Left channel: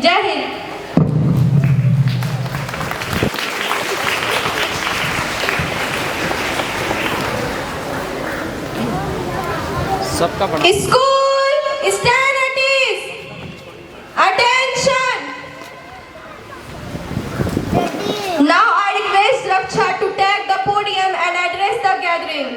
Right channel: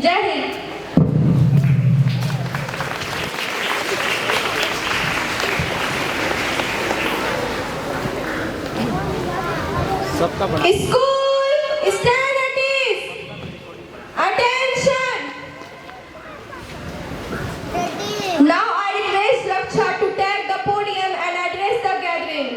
जय हिंद। सबका बड़ा school stand at ease. Attention. Now I request Raksha to take the podium and address the gathering.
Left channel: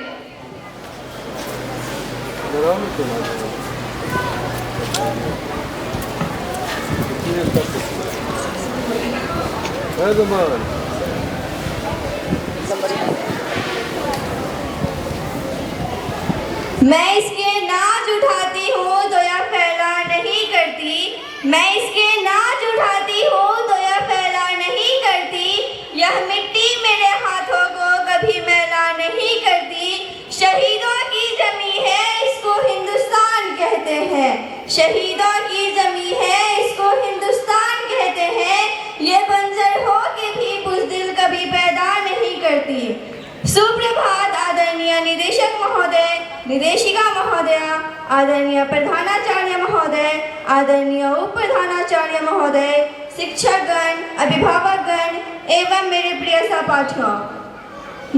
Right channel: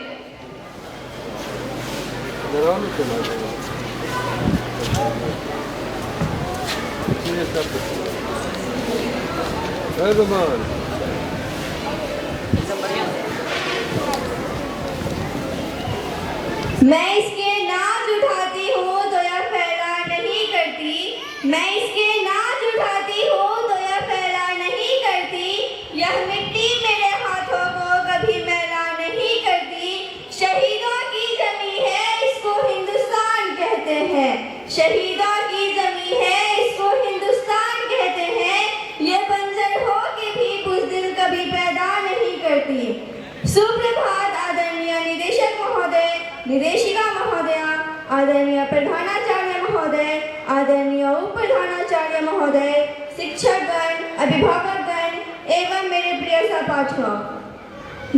मैं इसके नाज उठाती हूँ तो यह फैला नहीं करती। मैं इसके नाज उठाती हूँ तो यह फैला नहीं करती। यह मिट्टी मेरे हाथों को कभी मैला नहीं करती। शहीदों की जमी है इसको हिंदुस्तान कहते हैं। शहीदों की जमी है इसको हिंदुस्तान कहते हैं। ये बंजर हो के भी बुज़दिल कभी पैदा नहीं करती। सुप्रभात आदरणीय निदेशक महोदय, निदेशिका महोदया, आदरणीय प्रधानाचार्य महोदय, आदरणीय उप प्रधानाचार्य महोदय, शिक्षकगण, अभिभावकगण एवं मेरे प्रिय सहपाठियों।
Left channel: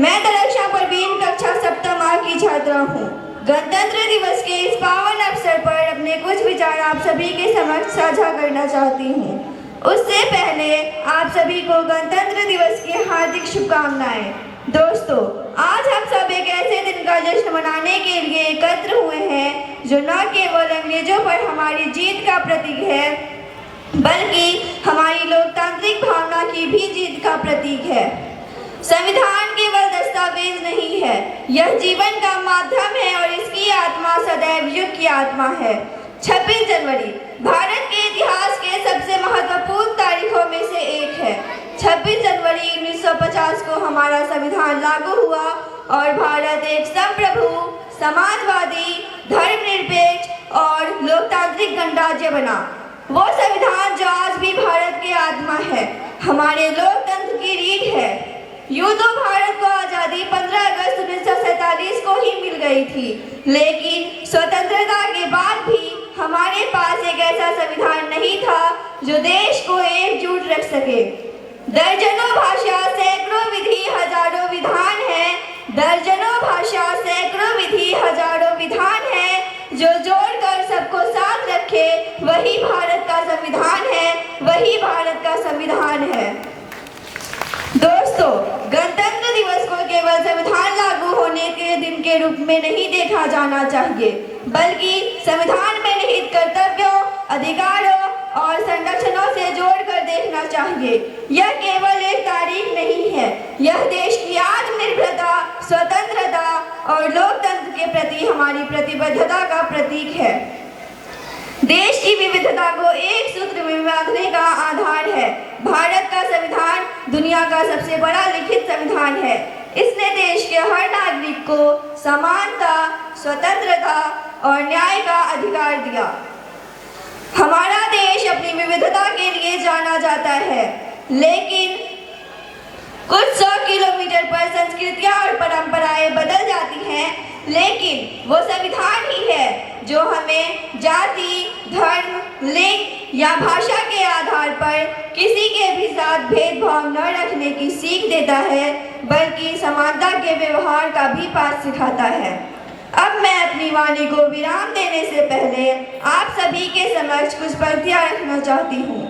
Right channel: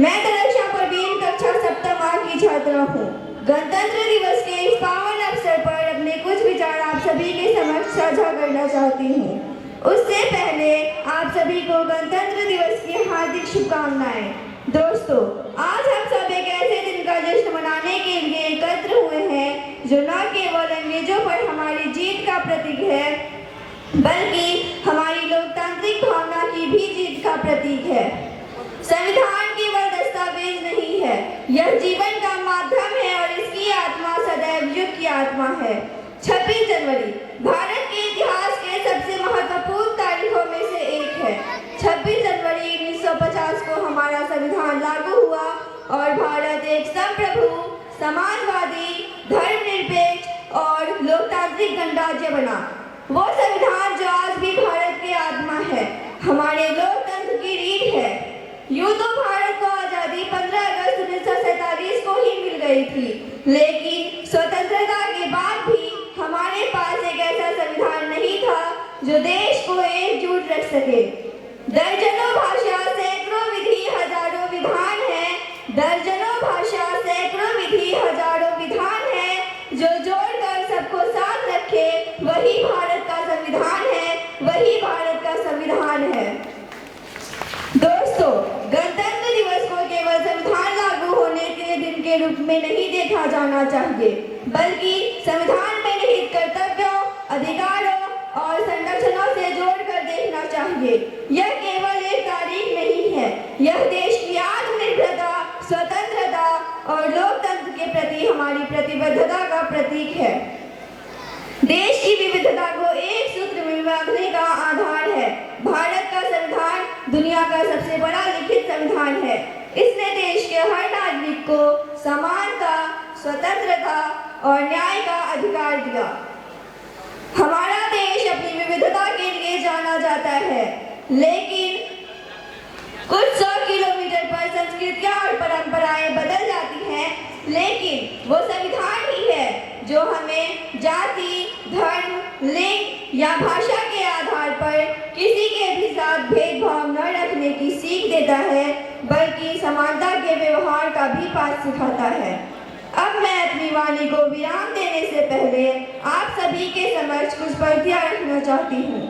मैं दरक्षा परवीन कक्षा सप्तम की छात्रा हूँ। गणतंत्र दिवस के इस पावन अवसर पर अपने कुछ विचार आप सभी के समक्ष साझा करना चाहती हूँ। उससे पहले आप सभी को गणतंत्र दिवस की हार्दिक शुभकामनाएं। दोस्तों, आज हम सब एक ऐसे दिन का जश्न मनाने के लिए एकत्र हुए हैं जो न केवल अंग्रेजों पर हमारी जीत का प्रतीक है, बल्कि हमारी लोकतांत्रिक भावना की भी जीत का प्रतीक है। संविधान केवल दस्तावेज नहीं है, यह जीवन का माध्यम है और इसकी आत्मा सदैव युग की आत्मा है। 26 जनवरी भारत के इतिहास के सबसे महत्वपूर्ण तारीखों में से एक है। 26 जनवरी 1950 को हमारा संविधान लागू हुआ और भारत एक संप्रभु, समाजवादी, धर्मनिरपेक्ष और लोकतांत्रिक गणराज्य बना। वो संविधान जो आज भी भारत की आत्मा है, हमारे लोकतंत्र की रीढ़ है। यूं तो भारत को आजादी 15 अगस्त 1947 को ही मिल गई थी, लेकिन स्वतंत्रता के बाद भी हमारे पास एक ऐसा संविधान नहीं था जो देश को एकजुट रख सके। दर्जनों भाषा, सैकड़ों विधि, हजारों विधान हैं। दर्जनों भाषा, सैकड़ों विधि, हजारों विधान हैं जो जोड़कर सबको साथ रखे। वही भारत का संविधान है, वही भारत का संविधान है। दोस्तों, गणतंत्र दिवस को केवल संविधान लागू होने के दिन के रूप में नहीं देखा जाना चाहिए, बल्कि संविधान में निहित कर्तव्यों, अधिकारों और संरक्षणों से जोड़कर देखना चाहिए। यह केवल एक तारीख नहीं है, यह देश की आत्मनिर्भरता, स्वतंत्रता और लोकतंत्र के प्रति हमारी प्रतिबद्धता का प्रतीक है। देश की विविधता को एक सूत्र में बांधने का आधार है। भारत का संविधान दुनिया का सबसे बड़ा लिखित संविधान है। इसने देश के हर नागरिक को समानता, स्वतंत्रता और न्याय का अधिकार दिया। हमारा देश अपनी विविधता के लिए जाना जाता है, लेकिन कुछ 100 किलोमीटर पर संस्कृतियां और परंपराएं बदल जाती हैं, लेकिन वो संविधान ही है जो हमें जाति, धर्म, लिंग या भाषा के आधार पर किसी के भी साथ भेदभाव न रखने की सीख देता है, बल्कि समानता के व्यवहार का भी पाठ सिखाता है। अब मैं अपनी वाणी को विराम देने से पहले आप सभी के समक्ष कुछ पंक्तियां रखना चाहती हूँ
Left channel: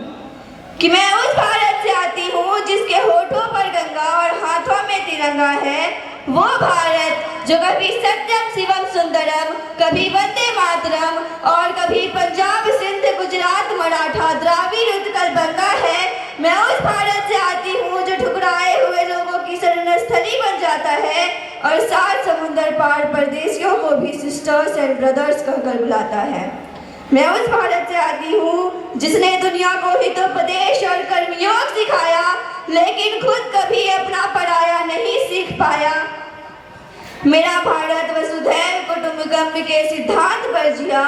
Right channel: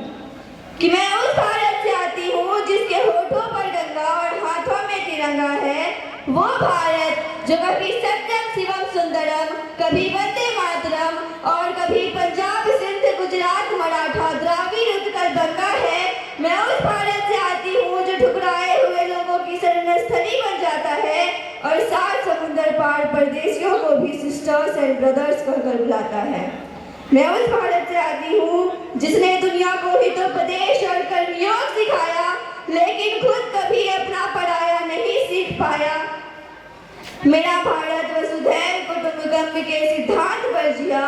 कि मैं उस भारत से आती हूँ जिसके होठों पर गंगा और हाथों में तिरंगा है। वो भारत जो कभी सत्यम शिवम सुंदरम, कभी वंदे मातरम और कभी पंजाब, सिंध, गुजरात, मराठा, द्राविड़, उत्कल, बंगा है। मैं उस भारत से आती हूँ जो ठुकराए हुए लोगों की शरण स्थली बन जाता है और 7 समुंदर पार परदेशियों को भी सिस्टर्स एंड ब्रदर्स कहकर बुलाता है। मैं उस भारत से आती हूँ जिसने दुनिया को हितोपदेश और कर्मयोग सिखाया, लेकिन खुद कभी अपना पराया नहीं सीख पाया। मेरा भारत वसुधैव कुटुंबकम के सिद्धांत पर जिया।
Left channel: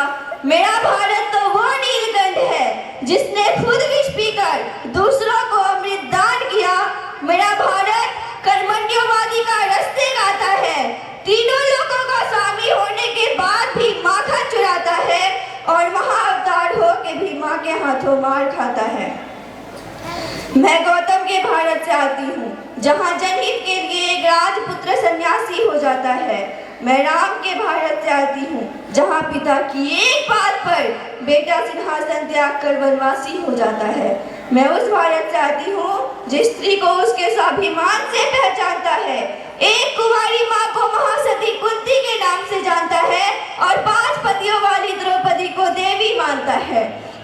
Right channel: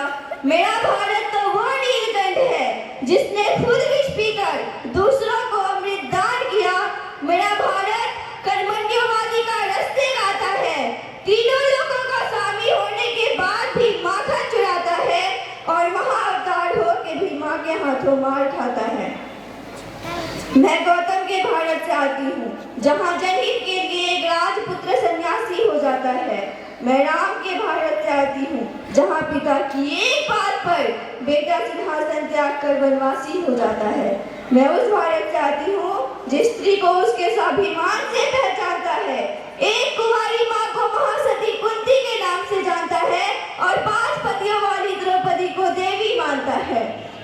मेरा भारत तो वो नीलकंठ है जिसने खुद विष पीकर दूसरों को अमृत दान किया। मेरा भारत कर्मण्यवादी का रास्ते गाता है, तीनों लोगों का स्वामी होने के बाद भी माखन चुराता है और महाअवतार हो के भी माँ के हाथों हाथों मार खाता है। मैं गौतम के भारत से आती हूँ, जहाँ जनहित के लिए एक राजपुत्र सन्यासी हो जाता है। मैं राम के भारत से आती हूँ, जहाँ पिता की एक बात पर बेटा सिंहासन त्याग कर वनवासी हो जाता है। मैं उस भारत से आती हूँ जिस स्त्री को उसके स्वाभिमान से पहचानता है, एक कुंवारी माँ को महासती कुंती के नाम से जानता है और 5 पतियों वाली द्रौपदी को देवी मानता है।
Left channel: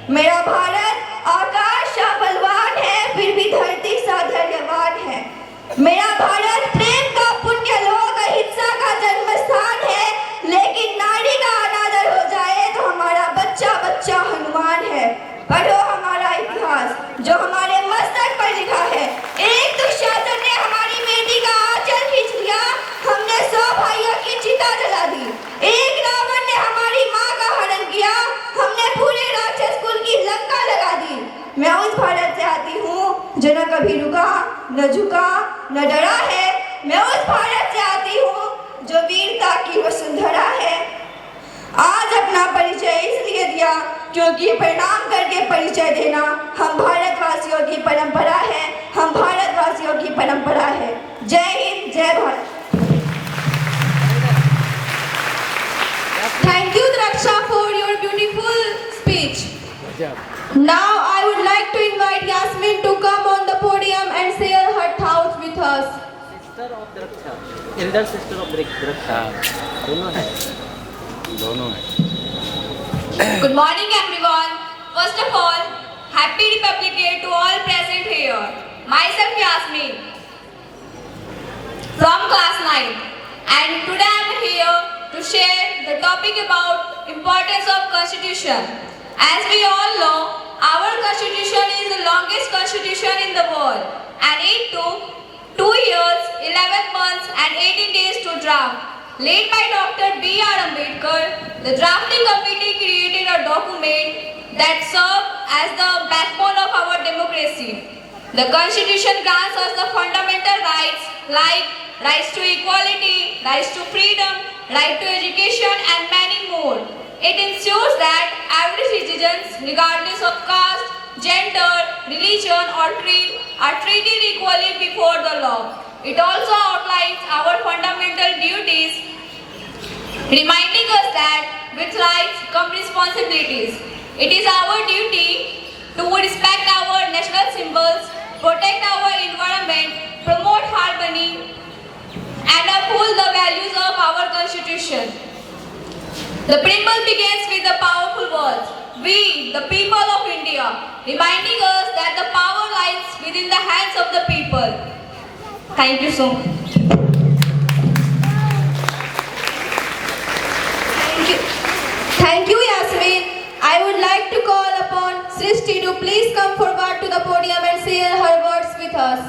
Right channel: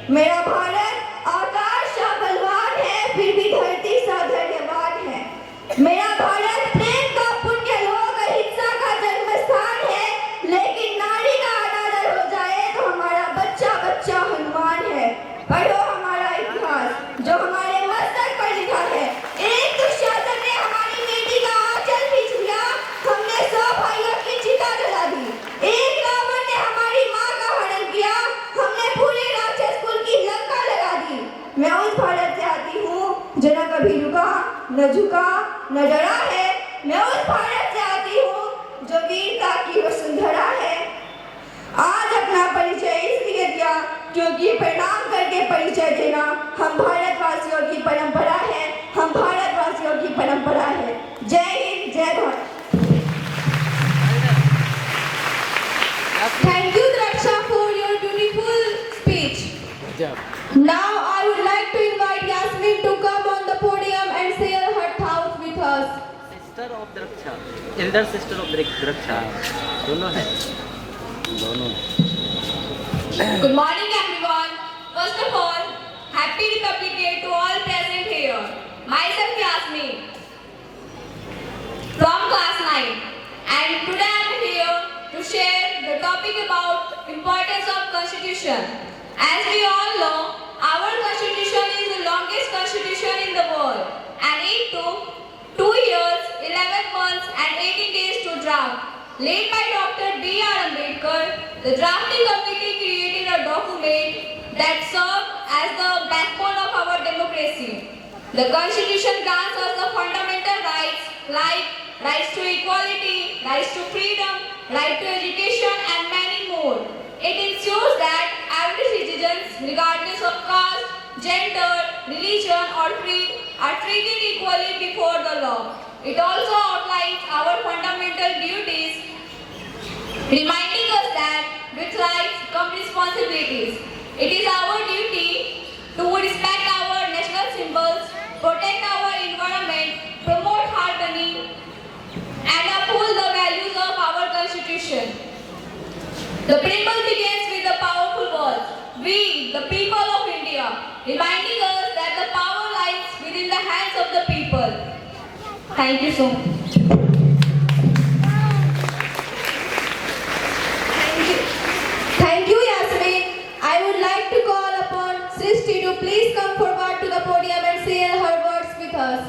मेरा भारत आकाश सा बलवान है, फिर भी धरती सा धैर्यवान है। मेरा भारत प्रेम का पुण्य लोक, अहिंसा का जन्म स्थान है, लेकिन नारी का अनादर हो जाए तो हमारा बच्चा बच्चा हनुमान है। पढ़ो हमारा इतिहास जो हमारे मस्तक पर लिखा है। एक दुशासन ने हमारी बेटी का आंचल खींच लिया, हमने 100 भाइयों की चिता जला दी। एक रावण ने हमारी माँ का हरण किया, हमने पूरे राक्षस कुल की लंका लगा दी। मैं उस भारत से आती हूँ जो न कभी रुका, न झुका, न डरा है। मैं उस भारत से आती हूँ जो वीरता की वसुंधरा है। आज अपना परिचय इसलिए दिया क्योंकि प्रणाम करके परिचय देना हम भारतवासियों की परंपरा है, हम भारतवासियों की परंपरा है। जय हिंद, जय Bharat. Thank you, Draksha, for your beautiful speech. Now I would like to invite Yasmin to come on the podium and share her thoughts with us. Sister of Draksha, elder sister of Draksha, दोनों है, दोनों है। Good morning, everyone. First of all, Happy Republic Day to all present here. Myself Yasmin from class 9, and today I am here to share the topic about importance of Constitution. As we all know, our Constitution is the longest Constitution in the world, and it took 2 years, 11 months, and 18 days to draft. Led by Dr. B.R. Ambedkar, the drafting committee created a document that served as the backbone of our democracy. The Constitution grants us the fundamental rights like rights to equality, rights to freedom, right to education, and many more. It ensures that every citizen, regardless of caste, gender, religion, or creed, are treated equally before the law. It also outlines our fundamental duties, reminding us that with rights come responsibilities. It is our duty to respect our national symbols, protect our environment, promote harmony, and uphold the values of our Constitution. The preamble begins with the powerful words, "We, the people of India," reminding us that the power lies within the hands of the people. Thank you so much. Thank you, Yasmin. I would like to call upon Srishti to please come forward to the podium and share her words with us.